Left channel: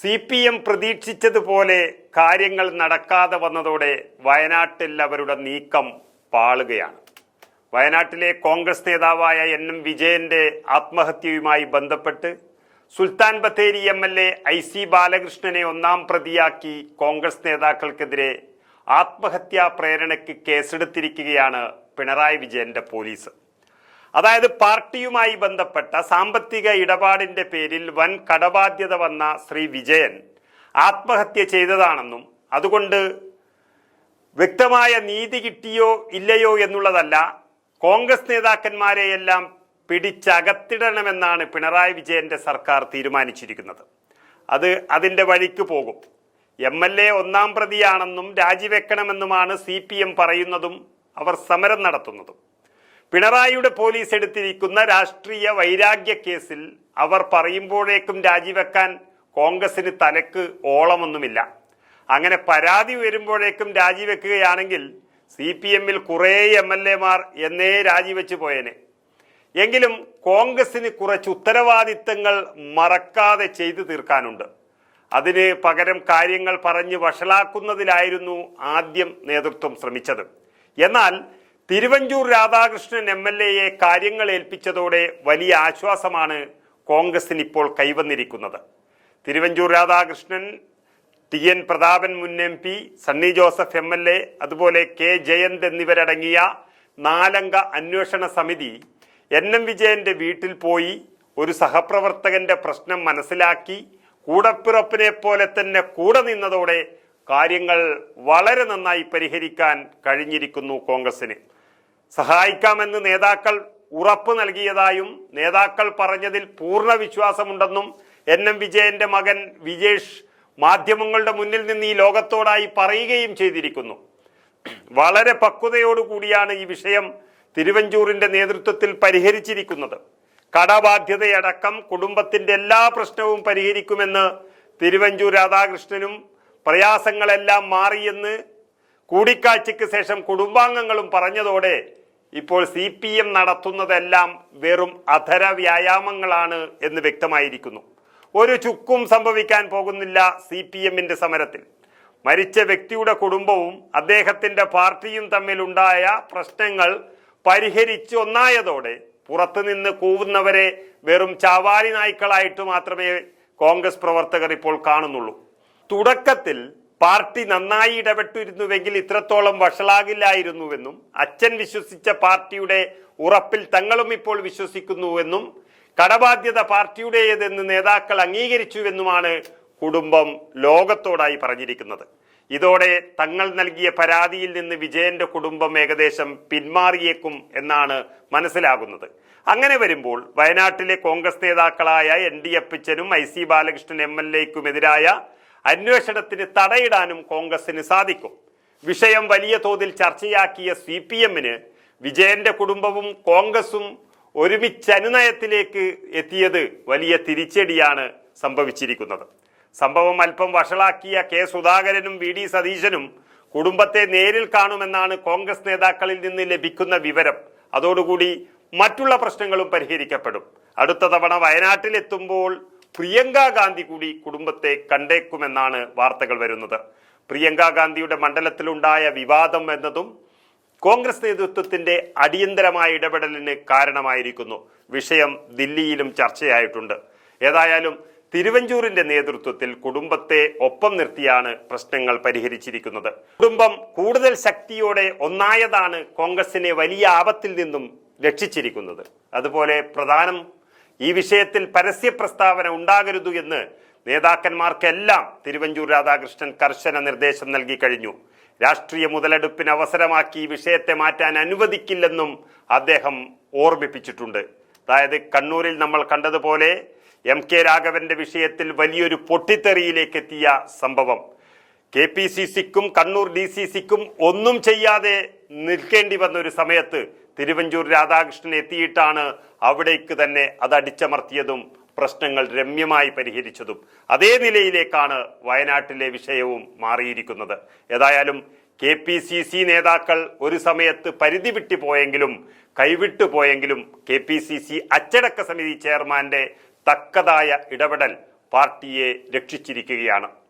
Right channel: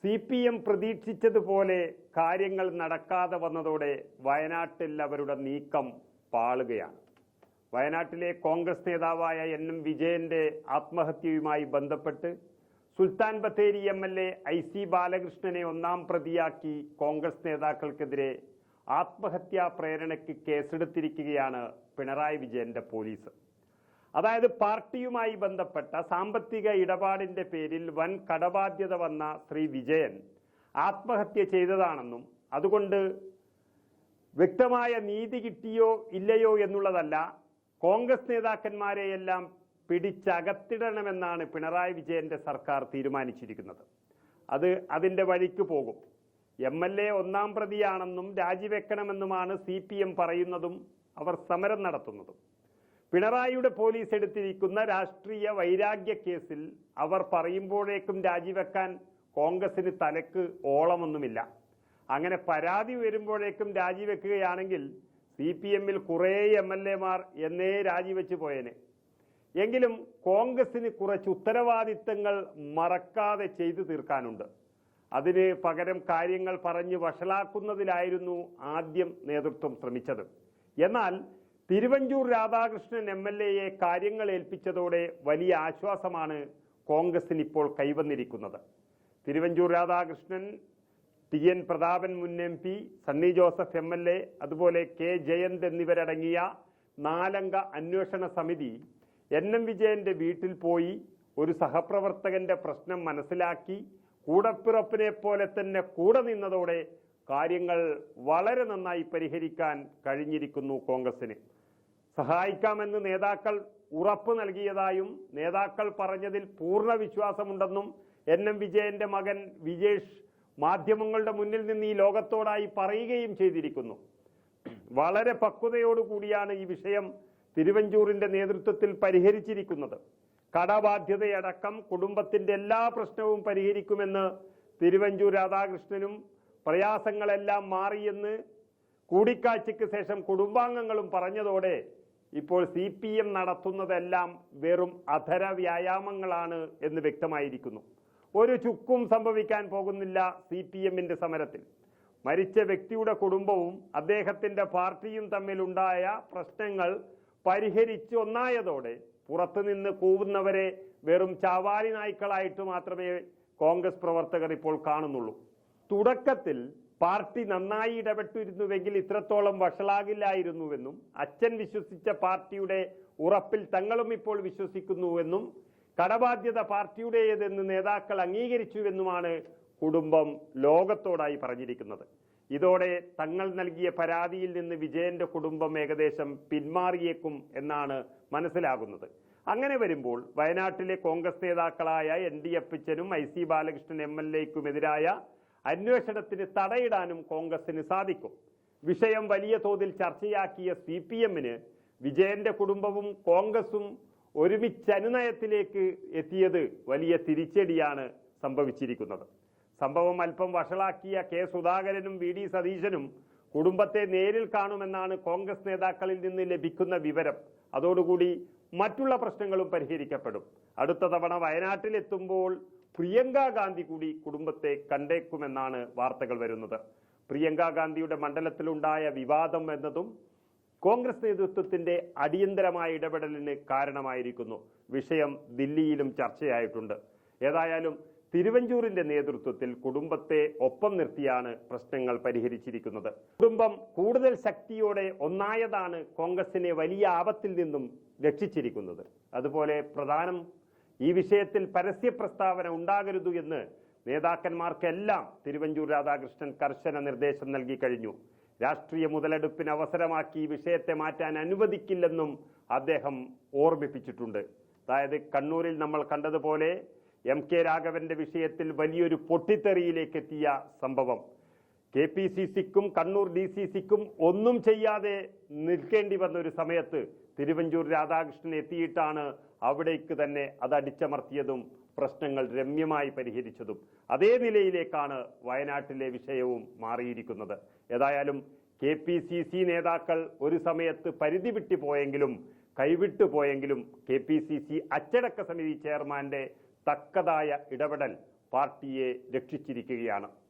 C P M പ്രതീക്ഷിച്ചതുപോലെ കാര്യങ്ങൾ നടക്കാതെ വന്നതോടെ വയനാട്ടിൽ അവരുടെ നീക്കം പാളുകയാണ്. വയനാട്ടിലെ കോൺഗ്രസ് നേതാവായ എൻ എം വിജയന്റെ ആത്മഹത്യയുമായി ബന്ധപ്പെട്ട് Sultan Bathery M L A I C ബാലകൃഷ്ണനെ ഒന്നാം പ്രതിയാക്കി കോൺഗ്രസ് നേതാക്കൾക്കെതിരെ ആത്മഹത്യാ പ്രേരണയ്ക്ക് കേസെടുത്തിരിക്കുകയാണ് പിണറായി വിജയന്റെ പോലീസ്. അതായത് പാർട്ടിയുമായി ബന്ധപ്പെട്ട സാമ്പത്തിക ഇടപാടിന്റെ പേരിൽ വൻ കടബാധ്യത വന്ന ശ്രീ വിജയൻ ആത്മഹത്യ ചെയ്തതാണെന്നും അതുകൊണ്ട് വ്യക്തമായ നീതി കിട്ടിയോ ഇല്ലയോ എന്നുള്ളതല്ല കോൺഗ്രസ് നേതാക്കന്മാരെയെല്ലാം പിടിച്ചകത്തിടണമെന്നാണ് പിണറായി വിജയന്റെ സർക്കാർ തീരുമാനിച്ചിരിക്കുന്നത്. അത് അതിന്റെ വഴിക്ക് പോകും. എം എൽ എ ഒന്നാം പ്രതിയാണെന്നും രാജിവെക്കണമെന്നുമാണ് സി പി എം പറയുന്നതും അവർ സമരം നടത്തുന്നതും. പിണറായിയുടെ പോലീസ് എടുത്തിരിക്കുന്ന രാഷ്ട്രീയ വൈരാഗ്യ കേസിൽ അവർ പറയുമ്പോഴേക്കും രാജിവെക്കാൻ കോൺഗ്രസിന് തലക്ക് ഓളമൊന്നുമില്ല. അങ്ങനെ പരാതി വരുമ്പോഴേക്കും രാജിവെക്കുകയാണെങ്കിൽ സി പി എമ്മിൽ കുറേ എം എൽ എമാർ എന്നേ രാജിവെച്ച് പോയേനെ. എങ്കിലും കോൺഗ്രസിന് കുറച്ച് ഉത്തരവാദിത്തങ്ങൾ മറക്കാതെ ചെയ്തു തീർക്കാനുണ്ട്. അതിന് പകരം കാര്യങ്ങൾ പറഞ്ഞ് വഷളാക്കുന്നതിലായിരുന്നു ആദ്യം നേതൃത്വം ശ്രമിച്ചത്. എന്നാൽ തിരുവഞ്ചൂർ രാധാകൃഷ്ണൻ എം എൽ എയെ കാര്യങ്ങൾ ഏൽപ്പിച്ചതോടെ വലിയ ആശ്വാസമാണ് കോൺഗ്രസിന് ഇപ്പോൾ കൈവന്നിരിക്കുന്നത്. തിരുവഞ്ചൂർ രാധാകൃഷ്ണൻ ടി എൻ പ്രതാപൻ മുൻ M P Sunny Joseph M L A അതുപോലെ കെ ജയന്ത് എന്നിവരടങ്ങിയ നാലംഗ അന്വേഷണ സമിതി എൻ എം വിജയന്റെ വീട്ടിൽ പോയി ഒരു സഹപ്രവർത്തകന്റെ പ്രശ്നം മനസ്സിലാക്കി കൂടപ്പിറപ്പിനെ പോലെ തന്നെ കൂടെ നിന്നതോടെ കാര്യങ്ങൾ വളരെ നന്നായി പരിഹരിക്കാൻ കഴിഞ്ഞിരിക്കുന്നു കോൺഗ്രസിന്. സഹായിക്കാമെന്ന് നേതാക്കൾ ഉറപ്പ് നൽകിയതായും നേതാക്കൾ പറഞ്ഞതിൽ പൂർണ വിശ്വാസമുണ്ടെന്നും എൻ എം വിജയന്റെ മകൻ വിജേഷ് മാധ്യമങ്ങളുടെ മുന്നിൽ നിന്ന് ഈ ലോകത്തോടായി പറയുകയും ചെയ്തിരിക്കുന്നു. വളരെ പക്വതയോടുകൂടിയാണ് ഈ വിഷയം തിരുവഞ്ചൂറിന്റെ നേതൃത്വത്തിൽ പരിഹരിച്ചിരിക്കുന്നത്. കടബാധ്യതയടക്കം കുടുംബത്തിന്റെ എല്ലാ പ്രശ്നവും പരിഹരിക്കുമെന്ന് തിരുവഞ്ചൂർ രാധാകൃഷ്ണനും പ്രയാസങ്ങളെല്ലാം മാറിയെന്ന് കൂടിക്കാഴ്ചയ്ക്ക് ശേഷം കുടുംബാംഗങ്ങളും പറഞ്ഞതോടെ ഇപ്പോൾ സി പി എം നടത്തുന്നതെല്ലാം വെറും അധര വ്യായാമങ്ങളാണ് എന്ന് വ്യക്തമായിരിക്കുന്നു. ഒരു ചുക്കും സംഭവിക്കാൻ പോകുന്നില്ല സി പി എമ്മിന്റെ സമരത്തിൽ. മരിച്ച വ്യക്തിയുടെ കുടുംബവും അദ്ദേഹത്തിന്റെ പാർട്ടിയും തമ്മിലുണ്ടായ പ്രശ്നങ്ങൾ പരിഹരിച്ച് ഒന്നായതോടെ പുറത്തുനിന്ന് കൂവുന്നവരെ വെറും ചാവാലി നായ്ക്കളായിട്ട് മാത്രമേ കോൺഗ്രസ് പ്രവർത്തകർ ഇപ്പോൾ കാണുന്നുള്ളൂ. തുടക്കത്തിൽ പാർട്ടി നന്നായി ഇടപെട്ടിരുന്നുവെങ്കിൽ ഇത്രത്തോളം വഷളാകില്ലായിരുന്നുവെന്നും അച്ഛൻ വിശ്വസിച്ച പാർട്ടിയുടെ ഉറപ്പിൽ തങ്ങളും ഇപ്പോൾ വിശ്വസിക്കുന്നുവെന്നും കടബാധ്യത പാർട്ടിയുടേതെന്ന് നേതാക്കൾ അംഗീകരിച്ചുവെന്നുമാണ് കുടുംബം ലോകത്തോടായി പറഞ്ഞിരിക്കുന്നത്. ഇതോടെ തങ്ങൾ നൽകിയ പരാതിയിൽ നിന്ന് വിജയന്റെ കുടുംബം ഏകദേശം പിന്മാറിയേക്കും എന്നാണ് മനസ്സിലാകുന്നത്. അങ്ങനെ വരുമ്പോൾ വയനാട്ടിലെ കോൺഗ്രസ് നേതാക്കളായ N D അപ്പിച്ചനും I C Balakrishnan M L എക്കുമെതിരായ അന്വേഷണത്തിന് തടയിടാനും കോൺഗ്രസിന് സാധിക്കും. വിഷയം വലിയ തോതിൽ ചർച്ചയാക്കിയ സി പി എമ്മിന് വിജയന്റെ കുടുംബവും കോൺഗ്രസും ഒരുമിച്ച് അനുനയത്തിലേക്ക് എത്തിയത് വലിയ തിരിച്ചടിയാണ് സംഭവിച്ചിരിക്കുന്നത്. സംഭവം അല്പം വഷളാക്കിയ കെ സുധാകരനും വി ഡി സതീശനും കുടുംബത്തെ നേരിൽ കാണുമെന്നാണ് കോൺഗ്രസ് നേതാക്കളിൽ നിന്ന് ലഭിക്കുന്ന വിവരം. അതോടുകൂടി മറ്റുള്ള പ്രശ്നങ്ങളും പരിഹരിക്കപ്പെടും. അടുത്ത തവണ വയനാട്ടിലെത്തുമ്പോൾ പ്രിയങ്ക ഗാന്ധി കൂടി കുടുംബത്തെ കണ്ടേക്കുമെന്നാണ് വാർത്തകൾ വരുന്നത്. പ്രിയങ്ക ഗാന്ധിയുടെ മണ്ഡലത്തിലുണ്ടായ വിവാദം എന്നതും കോൺഗ്രസ് നേതൃത്വത്തിന്റെ അടിയന്തരമായ ഇടപെടലിന് കാരണമായിരിക്കുന്നു. വിഷയം ദില്ലിയിലും ചർച്ചയായിട്ടുണ്ട്. ഏതായാലും തിരുവഞ്ചൂരിന്റെ നേതൃത്വത്തിൽ കുടുംബത്തെ ഒപ്പം നിർത്തിയാണ് പ്രശ്നങ്ങൾ പരിഹരിച്ചിരിക്കുന്നത്. കുടുംബം കൂടുതൽ ശക്തിയോടെ ഒന്നായതാണ് കോൺഗ്രസിനെ വലിയ ആപത്തിൽ നിന്നും രക്ഷിച്ചിരിക്കുന്നത്. അതുപോലെ പ്രധാനം ഈ വിഷയത്തിൽ പരസ്യ പ്രസ്താവന ഉണ്ടാകരുത് എന്ന് നേതാക്കന്മാർക്കെല്ലാം തിരുവഞ്ചൂർ രാധാകൃഷ്ണൻ കർശന നിർദ്ദേശം നൽകി കഴിഞ്ഞു. രാഷ്ട്രീയ മുതലെടുപ്പിന് അവസരമാക്കി ഈ വിഷയത്തെ മാറ്റാൻ അനുവദിക്കില്ലെന്നും അദ്ദേഹം ഓർമ്മിപ്പിച്ചിട്ടുണ്ട്. അതായത് കണ്ണൂരിൽ നമ്മൾ കണ്ടതുപോലെ എം കെ രാഘവന്റെ വിഷയത്തിൽ വലിയൊരു പൊട്ടിത്തെറിയിലേക്ക് എത്തിയ സംഭവം. കെ പി സി സിക്കും കണ്ണൂർ ഡി സി സിക്കും ഒന്നും ചെയ്യാതെ നിൽക്കേണ്ടി വന്ന ഒരു സമയത്ത് തിരുവഞ്ചൂർ രാധാകൃഷ്ണൻ എത്തിയിട്ടാണ് അവിടേക്ക് തന്നെ അതടിച്ചമർത്തിയതും പ്രശ്നങ്ങൾ രമ്യമായി പരിഹരിച്ചതും അതേ നിലയിലേക്കാണ് വയനാട്ടിലെ വിഷയവും മാറിയിരിക്കുന്നത്. ഏതായാലും കെ പി സി സി നേതാക്കൾ ഒരു സമയത്ത് പരിധി വിട്ടു പോയെങ്കിലും കൈവിട്ടു പോയെങ്കിലും കെ പി സി സി അച്ചടക്ക സമിതി ചെയർമാന്റെ തക്കതായ ഇടപെടൽ പാർട്ടിയെ രക്ഷിച്ചിരിക്കുകയാണ്.